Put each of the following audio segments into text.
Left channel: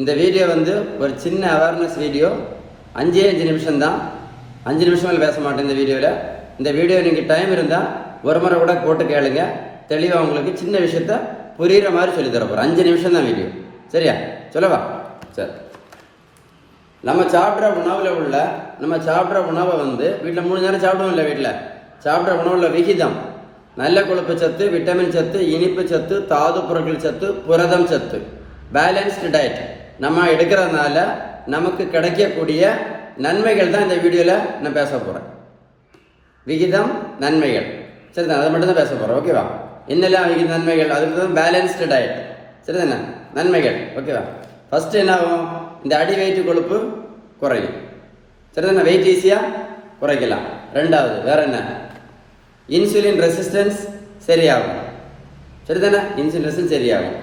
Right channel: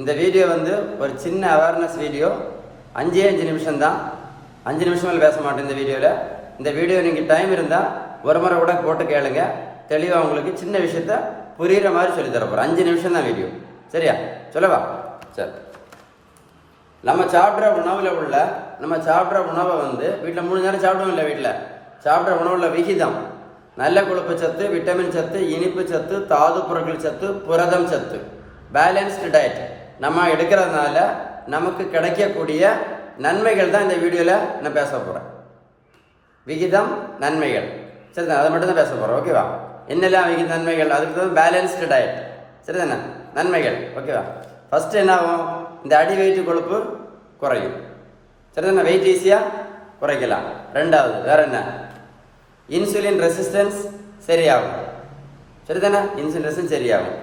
இந்த வீடியோ வந்து ஒரு சின்ன அவேர்னஸ் வீடியோ. 5 நிமிஷம் தான். 5 நிமிஷம் மேலே பேச மாட்டேன் இந்த வீடியோவில். இந்த வீடியோ நீங்கள் டைம் இருந்தால் ஒரு முறை கூட போட்டு கேளுங்க. தெளிவாக உங்களுக்கு சின்ன விஷயத்த புரிகிற மாதிரி சொல்லி தரப்போகிறேன். 5 நிமிஷம் தான் வீடியோ. சரியா? சொல்லவா? சரி. நம்ம சாப்பிட்ற உணவை வந்து வீட்டில் 3 நேரம் சாப்பிடுவோம் இல்லை? வீட்டில் சாப்பிட்ற உணவுல விகிதம், நல்ல கொழுப்பு சத்து, விட்டமின் சத்து, இனிப்பு சத்து, தாது பொருட்கள் சத்து, புரதம் சத்து, பேலன்ஸ்டு டயட் நம்ம எடுக்கிறதுனால நமக்கு கிடைக்கக்கூடிய நன்மைகள் தான் இந்த வீடியோவில் நான் பேச போகிறேன். விகிதம், நன்மைகள். சரி தானே? அதை மட்டும் தான் பேச போகிறேன். ஓகேவா? என்னெல்லாம் விகித நன்மைகள், அதுக்கு தான் பேலன்ஸ்டு டயட். சரி தானே? நன்மைகள். ஓகேவா? ஃபஸ்ட்டு என்ன ஆகும்? இந்த அடி வெயிட்டு கொழுப்பு குறையும். சரி தானே? வெயிட் ஈஸியாக குறைக்கலாம். ரெண்டாவது வேற என்ன? இன்சுலின் ரெசிஸ்டன்ஸ் சரியாகும். சரி தானே? இன்சுலின் ரெசிஸ்டன்ஸ் சரியாகும்.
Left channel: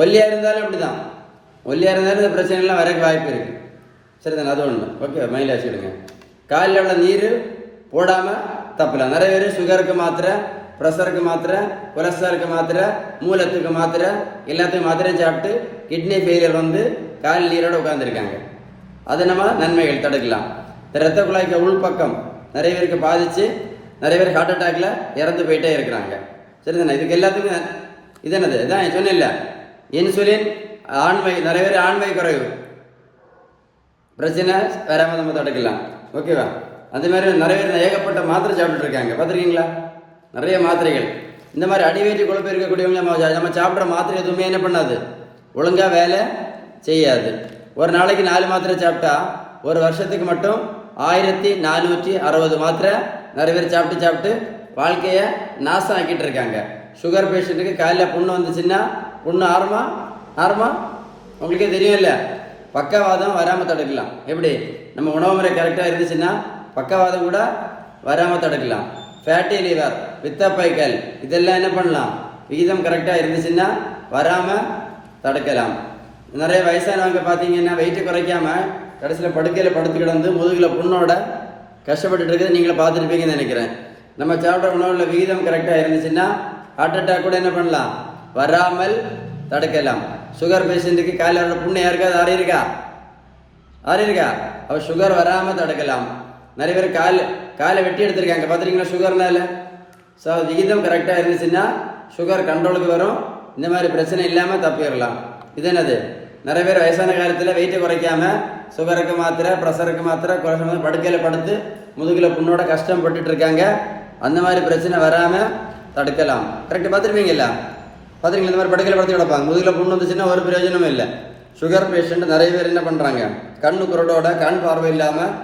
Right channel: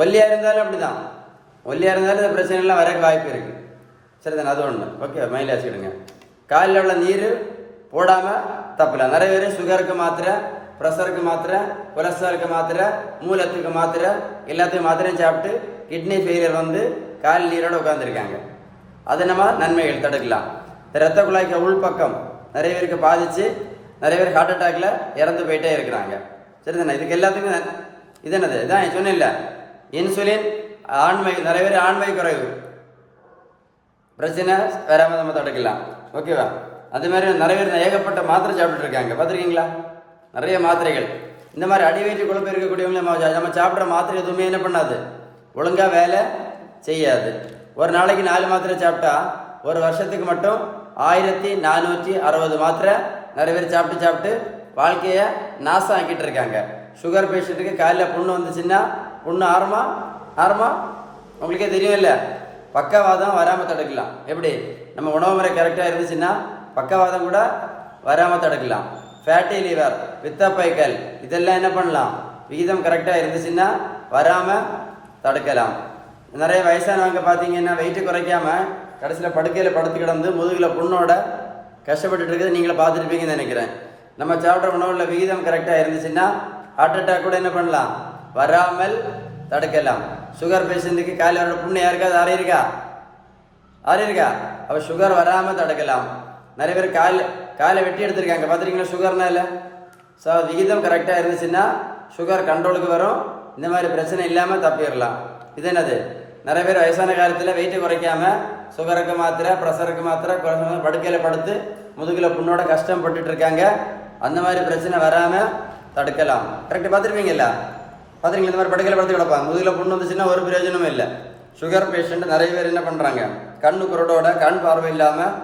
ஒல்லியாக இருந்தாலும் அப்படி தான். ஒல்லியாக இருந்தாலும் இந்த பிரச்சனைலாம் வரக்கு வாய்ப்பு இருக்குது. சரி தானே? அது ஒன்று. ஓகே, மைண்டில் வச்சுக்கிடுங்க. காலில் உள்ள நீர் போடாமல் தப்பலாம். நிறைய பேர் சுகருக்கு மாத்திரை, ப்ரெஷருக்கு மாத்திரை, கொலஸ்ட்ராலுக்கு மாத்திரை, மூலத்துக்கு மாத்திரை, எல்லாத்துக்கும் மாத்திரையும் சாப்பிட்டு கிட்னி ஃபெயிலியர் வந்து கால் நீரோடு உட்காந்துருக்காங்க. அதை நம்ம நன்மைகள் தடுக்கலாம். இரத்த குழாய்க்கு உள்பக்கம் நிறைய பேருக்கு பாதித்து நிறைய பேர் ஹார்ட் அட்டாக்ல இறந்து போயிட்டே இருக்கிறாங்க. சரி தானே? இதுக்கு எல்லாத்துக்கும் இது என்னது? இதான் சொன்னேன்ல, இன்சுலின், ஆண்மை. நிறைய பேர் ஆண்மை குறைவு பிரச்சனை வராமல் நம்ம தடுக்கலாம். ஓகேவா? அது மாதிரி நிறைய பேர் ஏகப்பட்ட மாத்திரை சாப்பிட்டு இருக்காங்க. பார்த்துருக்கீங்களா? நிறைய மாத்திரைகள். இந்த மாதிரி அடிவயிற்று கொழுப்பு இருக்கக்கூடியவங்க நம்ம சாப்பிட்ற மாத்திரை எதுவுமே என்ன பண்ணாது, ஒழுங்காக வேலை செய்யாது. ஒரு நாளைக்கு 4 மாத்திரை சாப்பிட்டா ஒரு வருஷத்துக்கு மட்டும் 1460 மாத்திரை நிறைய பேர் சாப்பிட்டு வாழ்க்கையை நாசம் ஆக்கிட்டு இருக்காங்க. சுகர் பேஷண்ட்டுக்கு காலையில் புண்ணு வந்துச்சுன்னா, புண்ணு ஆரமா உங்களுக்கே தெரியும் இல்லை? பக்கவாதம் வராமல் தடுக்கலாம். எப்படி? நம்ம உணவு முறை கரெக்டாக இருந்துச்சுன்னா பக்கவாதம் கூட வராமல் தடுக்கலாம். ஃபேட்டி லிவர், பித்தப்பைக்கல், இதெல்லாம் என்ன பண்ணலாம்? விகிதம் கரெக்டாக இருந்துச்சுன்னா வராமல் தடுக்கலாம். நிறைய வயசானவங்க பார்த்தீங்கன்னா வெயிட்டு குறைக்காமல் கடைசியில் படுக்கையில் படுத்து கிடந்து முதுகில் புண்ணோட கஷ்டப்பட்டுட்டு இருக்கிறது நீங்களே பார்த்துருப்பீங்கன்னு நினைக்கிறேன். நம்ம சாப்பிட்ற உணவில் விகிதம் கரெக்டாக இருந்துச்சுன்னா ஹார்ட் அட்டாக் கூட என்ன பண்ணலாம்? வராமல் தடுக்கலாம். சுகர் பேஷண்ட்டுக்கு காலையோட புண்ணு யாருக்காது ஆறியிருக்கா? அவள் சுகர் வராமல் தடுக்கலாம். நிறைய பேர் காலை வெட்டி எடுத்திருக்காங்க. பார்த்துருக்கீங்களா? சுகர்னால. ஸோ விகிதம் கரெக்டாக இருந்துச்சுன்னா சுகர் கண்ட்ரோலுக்கு வரும். இந்த மாதிரி பிரச்சனை இல்லாமல் தப்பிடலாம். இது என்னது? நிறைய பேர் வயசான காலத்தில் வெயிட்டை குறைக்காமல் சுகருக்கு மாத்திரை, ப்ரெஷருக்கு மாத்திரை, கொலஸ்ட்ரால் படுக்கையில் படுத்து முதுகில் புண்ணோட கஷ்டப்பட்டுட்டு இருக்காங்க. அந்த மாதிரி பிரச்சனை வராமல் தடுக்கலாம். கரெக்டாக பார்த்துருப்பீங்கல்ல? பார்த்துருக்கீங்களா? இந்த மாதிரி படுக்கையில் படுத்து கிடப்பாங்க. முதுகில் புண்ணு வந்துச்சுன்னா ஒரு பிரயோஜனமும் இல்லை. சுகர் பேஷண்ட் நிறைய பேர் என்ன பண்ணுறாங்க? கண்ணு குரடோட, கண் பார்வை இல்லாமல்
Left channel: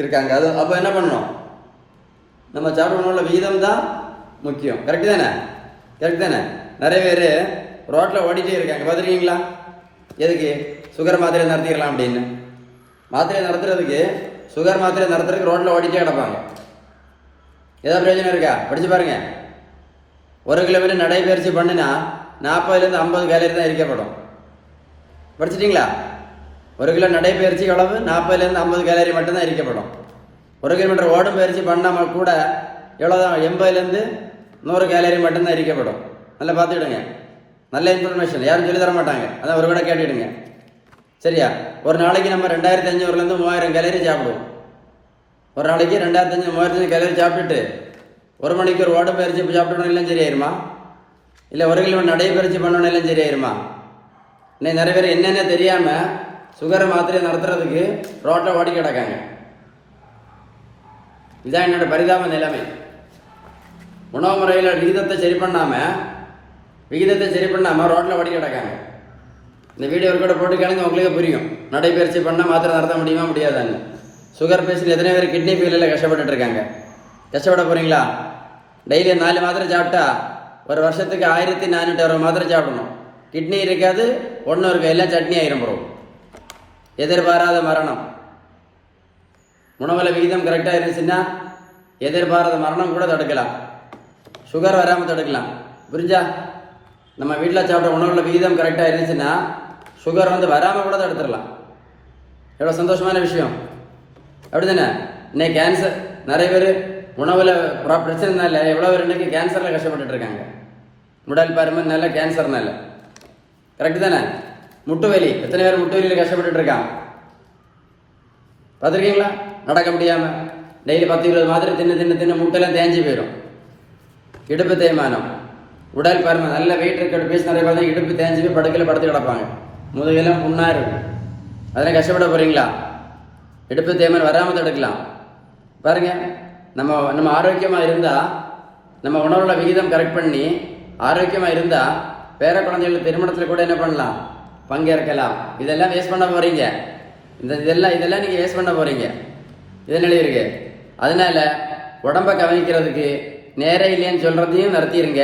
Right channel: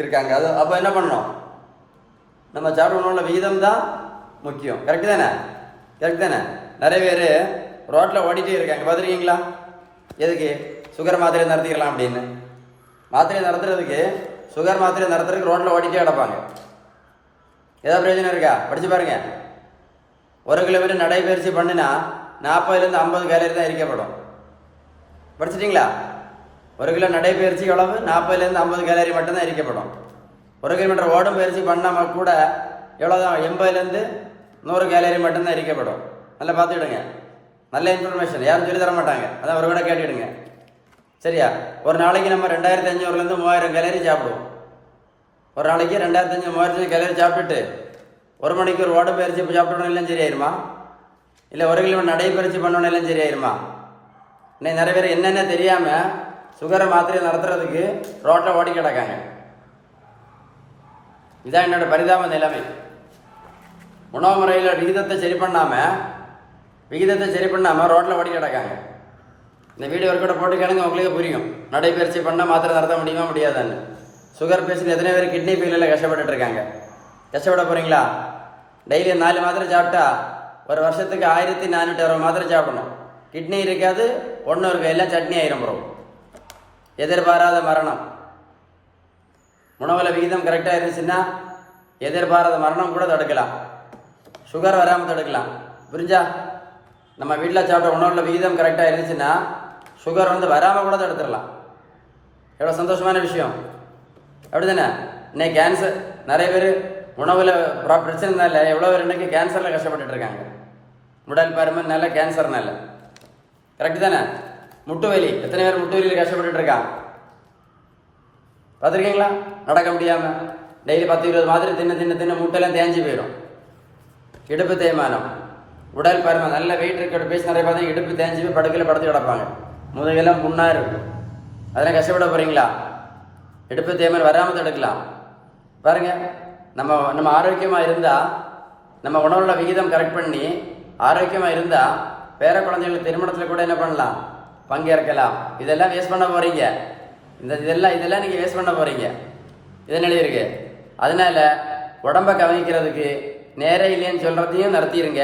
இருக்காங்க. அது அப்போ என்ன பண்ணணும்? நம்ம சாப்பிட உணவுல விகிதம் தான் முக்கியம். கரெக்டு தானே? நிறைய பேர் ரோட்டில் ஓடிட்டே இருக்காங்க. பார்த்துருக்கீங்களா? எதுக்கு? சுகர் மாத்திரை நடத்திக்கலாம் அப்படின்னு. மாத்திரையை நடத்துறதுக்கு, சுகர் மாத்திரை நடத்துறதுக்கு ரோட்டில் ஓடிட்டே கிடப்பாங்க. ஏதாவது பிரயோஜனம் இருக்கா? படித்து பாருங்க. 1 கிலோமீட்டர் நடைபயிற்சி பண்ணினா 40லேருந்து 50 கேலரி தான் எரிக்கப்படும். படிச்சிட்டிங்களா? 1 கிலோ நடைபயிற்சி அளவு 40லேருந்து 50 கேலரி மட்டும்தான் எரிக்கப்படும். 1 கிலோமீட்டர் ஓடும் பயிற்சி பண்ணாமல் கூட எவ்வளோதான்? 80லேருந்து 100 கேலரி மட்டும்தான் எரிக்கப்படும். நல்லா பார்த்துக்கிடுங்க. நல்ல இன்ஃபர்மேஷன். யாரும் சொல்லி தர மாட்டாங்க. அதான் ஒரு கூட கேட்டுக்கிடுங்க. சரியா? ஒரு நாளைக்கு நம்ம 2500லேருந்து 3000 கேலரி சாப்பிடுவோம். ஒரு நாளைக்கு 2500 3000 கேலரி சாப்பிட்டுட்டு 1 மணிக்கு ஒரு ஓடும் பயிற்சி சாப்பிட்டோன்னு எல்லாம் சரியாயிருமா? இல்லை 1 கிலோமீட்டர் நடைபயிற்சி பண்ணோன்னு எல்லாம் சரியாயிருமா? இன்னைக்கு நிறைய பேர் என்னென்ன தெரியாமல் சுகரை மாத்திரையை நடத்துறதுக்கு ரோட்டில் ஓடி கிடக்காங்க. இதான் என்னோட பரிதாப நிலைமை. உணவு முறையில் விகிதத்தை சரி பண்ணாமல் ரோட்டில் ஓடி கிடக்காங்க. இந்த வீடியோ ஒரு கூட போட்டு கேளுங்க, உங்களுக்கு புரியும். நடைபயிற்சி பண்ணால் மாத்திரை நடத்த முடியுமா முடியாதான்னு. சுகர் பேஷண்ட் எத்தனை பேர் கிட்னி ஃபெயிலியரில் கஷ்டப்பட்டு இருக்காங்க. கஷ்டப்பட போகிறீங்களா? டெய்லி 4 மாத்திரை சாப்பிட்டா ஒரு வருஷத்துக்கு 1460 மாத்திரை சாப்பிடணும். கிட்னி இருக்காது, ஒன்றும் இருக்கு, எல்லாம் சட்னி ஆயிரம் ப்ரோ. எதிர்பாராத மரணம். உணவில் விகிதம் கரெக்டாக இருந்துச்சுன்னா எதிர்பாராத மரணம் கூட தடுக்கலாம். சுகர் வராமல் தடுக்கலாம். புரிஞ்சா? நம்ம வீட்டில் சாப்பிட்ற உணவில் விகிதம் கரெக்டாக இருந்துச்சுன்னா சுகர் வந்து வராமல் கூட தடுத்துடலாம். எவ்வளோ சந்தோஷமான விஷயம். அப்படி தானே? இன்னைக்கு கேன்சர் நிறைய பேர் உணவில் பிரச்சனைனால எவ்வளோ பேர் இன்னைக்கு கேன்சரில் கஷ்டப்பட்டுட்டு இருக்காங்க. உடல் பருமனால, கேன்சர்னால. கரெக்டு தானே? முட்டு வலி, எத்தனை பேர் முட்டு வலியில் கஷ்டப்பட்டுட்டு இருக்கான் பார்த்துருக்கீங்களா? நடக்க முடியாமல் டெய்லி 10-20 மாத்திரை தின்னு முட்டெல்லாம் தேஞ்சு போயிடும். இடுப்பு தேய்மானம், உடல் பருமன், நல்ல வெயிட் இருக்க பேசி நிறைய பார்த்தா இடுப்பு தேஞ்சு போய் படுக்கையில் படுத்து கிடப்பாங்க, முதுகெல்லாம் புண்ணாக இருக்கும். அதெல்லாம் கஷ்டப்பட போகிறீங்களா? இடுப்பு தேய்மானம் வராமல் தடுக்கலாம். பாருங்க, நம்ம ஆரோக்கியமாக இருந்தால், நம்ம உணவுல விகிதம் கரெக்ட் பண்ணி ஆரோக்கியமாக இருந்தால் பேர குழந்தைகள் திருமணத்தில் கூட என்ன பண்ணலாம், பங்கேற்கலாம். இதெல்லாம் வேஸ்ட் பண்ண போகிறீங்க. இதெல்லாம் நீங்கள் வேஸ்ட் பண்ண போகிறீங்க. இதன் எழுதியிருக்கு. அதனால உடம்பை கவனிக்கிறதுக்கு நேரே இல்லைன்னு சொல்கிறதையும் நிறுத்திடுங்க.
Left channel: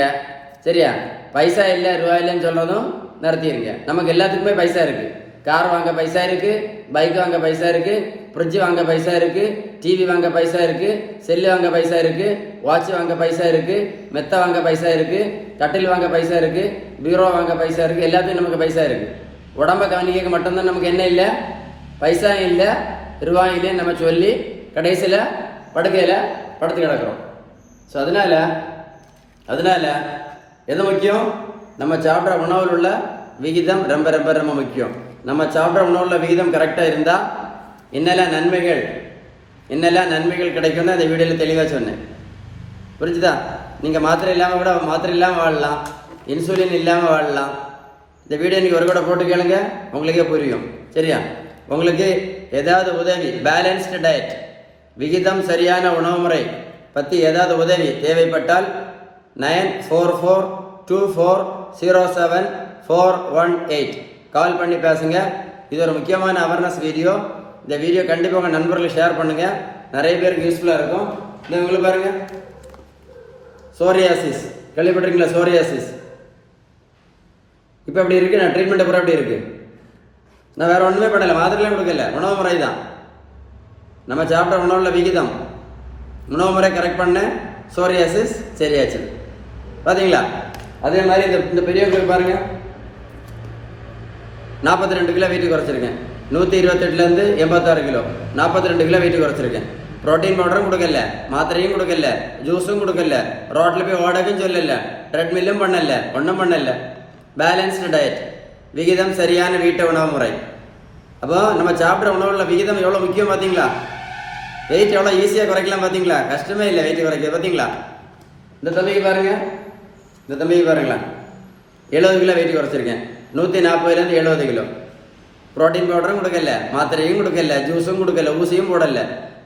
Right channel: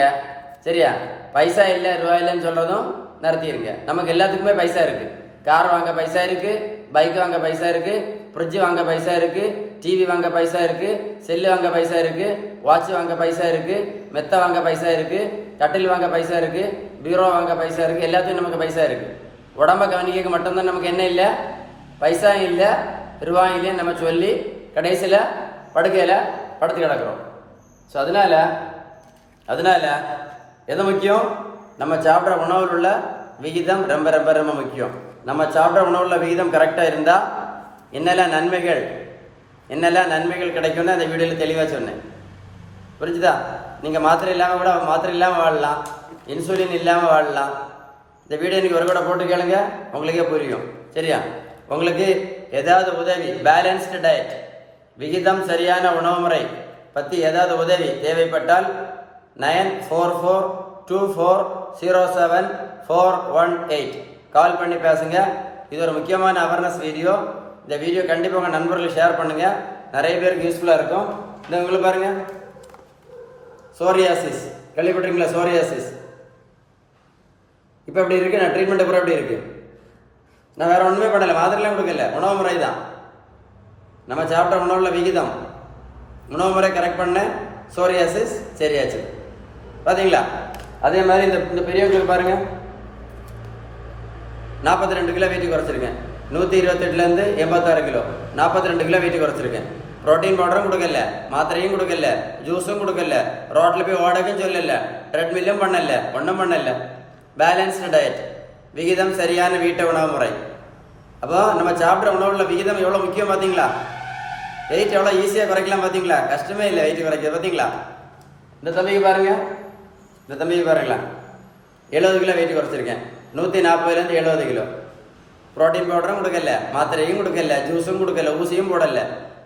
சரியா? பைசா இல்லை, ரூபா இல்லைன்னு சொல்கிறதும் நிறுத்திடுங்க. நமக்கு எல்லாத்துக்குமே பைசா இருக்குது. கார் வாங்க பைசா இருக்குது, பைக் வாங்க பைசா இருக்குது, ஃப்ரிட்ஜ் வாங்க பைசா இருக்குது, டிவி வாங்க பைசா இருக்குது, செல்லு வாங்க பைசா இருக்குது, வாட்ச் வாங்க பைசா இருக்குது, மெத்தை வாங்க பைசா இருக்குது, கட்டில் வாங்க பைசா இருக்குது, பீரோ வாங்க பைசா இருக்குது. எல்லாத்துக்கும் நமக்கு பைசா இருக்குது. உடம்பை கவனிக்க மட்டும்தான் நமக்கு என்ன இல்லை, பைசா இல்லை, ரூபாய் இல்லைன்னு நம்ம சொல்லி கடைசியில் படுக்கையில் படுத்து கிடக்கிறோம். ஸோ அதனால் எது முக்கியம்? நம்ம சாப்பிட்ற உணவில் உள்ள விகிதம் ரொம்ப ரொம்ப ரொம்ப முக்கியம். நம்ம சாப்பிட்ற உணவுல விகிதம் கரெக்டாக இருந்தால் என்னெல்லாம் நன்மைகள் கிடைக்கும்னு அந்த வீடியோவில் தெளிவாக சொன்னேன். புரிஞ்சுதா? நீங்கள் மாத்திரை இல்லாமல் வாழலாம், இன்சுலின் இல்லாமல் வாழலாம். இந்த வீடியோ நீங்கள் ஒரு கூட போட்டு கேளுங்க, உங்களுக்கே புரியும். சரியா? உங்களுக்கு ஏதாவது உதவி, பேலன்ஸ்டு டயட், விகிதம் சரியான உணவு முறை பற்றி ஏதாவது உதவி தேவைப்பட்டால் 94242407 கால் பண்ணி பேசுங்க. இது ஒரு முக்கியமான அவேர்னஸ் வீடியோ. இந்த வீடியோ கண்டிப்பாக உங்கள் நண்பர்களுக்கு ஷேர் பண்ணுங்கள், நிறைய பேருக்கு யூஸ்ஃபுல்லாக இருக்கும். இந்த உங்களுக்கு பாருங்கள், சோரியாசிஸ் கேள்விப்பட்டிருக்கீங்களா? சோரியாசிஸ் இப்போ எப்படி இருக்குது? நான் ட்ரீட்மெண்ட் அப்புறம் எப்படி இருக்குது? நான் வேறு ஒன்றுமே பண்ணலை, மாதிரிலாம் கொடுக்கல, உணவு முறை தான். நம்ம சாப்பிட்ற உணவுல விகிதம், உணவு முறை கரெக்ட் பண்ண சோரியாசிஸ் சரியாச்சு. பார்த்தீங்களா? அதே மாதிரி இந்த பெரியவங்களுக்கு பாருங்கள், 42 கிலோ வெயிட் குறைச்சிருக்கேன். 128லேருந்து 86 கிலோ, 42 கிலோ வெயிட் குறைச்சிருக்கேன். ப்ரோட்டீன் பவுடரும் கொடுக்கல, மாத்திரையும் கொடுக்கல, ஜூஸும் கொடுக்கல, ரோட்டில் போய் ஓடக்கும் சொல்லல, ட்ரெட்மில்லும் பண்ணல, ஒன்றும் பண்ணல. பேலன்ஸ்டு டயட், விகிதம் சரியான வீட்டு உணவு முறை. அப்போ நம்ம சாப்பிட்ற உணவுல விகிதம் எவ்வளோ முக்கியம் பார்த்தீங்களா? வெயிட் எவ்வளோ ஈஸியாக குறைக்கலாம் பார்த்தீங்களா? கஷ்டமே இல்லை வெயிட் குறைக்கிறது. பார்த்தீங்களா? இந்த தம்பிக்கு பாருங்களா, 70 கிலோ வெயிட் குறைச்சிருக்கேன். 140லேருந்து 70 கிலோ. ப்ரோட்டீன் பவுடரும் கொடுக்கல, மாத்திரையும் கொடுக்கல, ஜூஸும் கொடுக்கல, ஊசியும் போடல.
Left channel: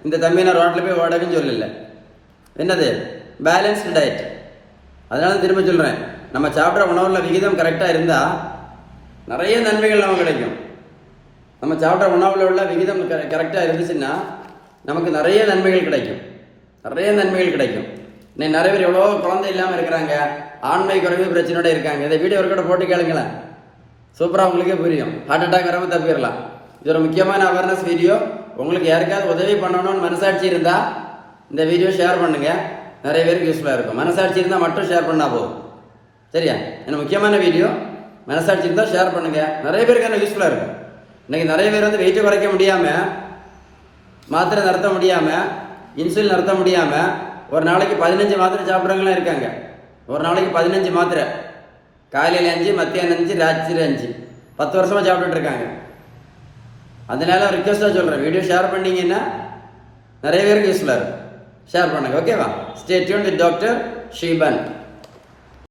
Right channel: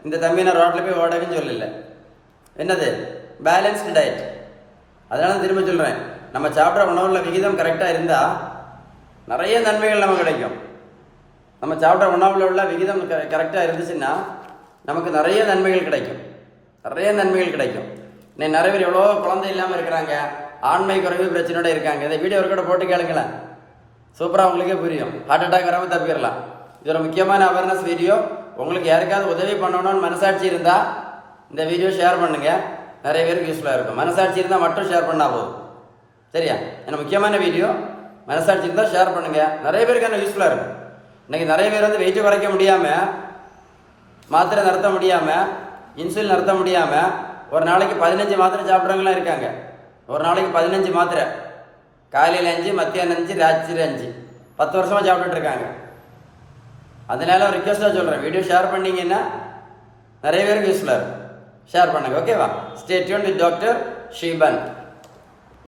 இந்த தம்பி நான் ரோட்டில் போய் ஓடக்குன்னு சொல்லல. என்னது? Balanced diet. அதனால திரும்ப சொல்கிறேன், நம்ம சாப்பிட்ற உணவுல விகிதம் கரெக்டாக இருந்தால் நிறைய நன்மைகள் நமக்கு கிடைக்கும். நம்ம சாப்பிட்ற உணவில் உள்ள விகிதம் கரெக்டாக இருந்துச்சுன்னா நமக்கு நிறைய நன்மைகள் கிடைக்கும். இன்னைக்கு நிறைய பேர் எவ்வளோ குழந்தை இல்லாமல் இருக்கிறாங்க, ஆண்மை குறைவு பிரச்சனையோட இருக்காங்க. இதை வீடியோ ஒரு கூட போட்டு கேளுங்களேன், சூப்பராக உங்களுக்கே புரியும். ஹார்ட் அட்டாக் வராமல் தப்பிடலாம். இது ஒரு முக்கியமான அவேர்னஸ் வீடியோ. உங்களுக்கு யாருக்காவது உதவி பண்ணணும்னு மனசாட்சி இருந்தால் இந்த வீடியோ ஷேர் பண்ணுங்கள், நிறைய பேருக்கு யூஸ்ஃபுல்லாக இருக்கும். மனசாட்சி இருந்தால் மட்டும் ஷேர் பண்ணால் போதும். சரியா? ஏன்னா முக்கியமான வீடியோ, மனசாட்சி இருந்தால் ஷேர் பண்ணுங்கள், நிறைய பேருக்கு என்ன யூஸ்ஃபுல்லாக இருக்கும். இன்றைக்கி நிறைய பேர் வெயிட்டு குறைக்க முடியாமல், மாத்திரை நிறுத்த முடியாமல், இன்சுலின் நிறுத்த முடியாமல் ஒரு நாளைக்கு 15 மாத்திரை சாப்பிட்றவங்களாம் இருக்காங்க. ஒரு நாளைக்கு 15 மாத்திரை, காலையில் 5, மத்தியானம் 5, ராத்திரி 5, 10 வருஷமாக சாப்பிட்டுட்டு இருக்காங்க. அதனால ரிக்வெஸ்ட்டாக சொல்கிறேன், வீடியோ ஷேர் பண்ணிங்கன்னா நிறைய பேருக்கு யூஸ்ஃபுல்லாக இருக்கும். ஷேர் பண்ணுங்கள். ஓகேவா? Stay tune with doctor ஸ்ரீபன்.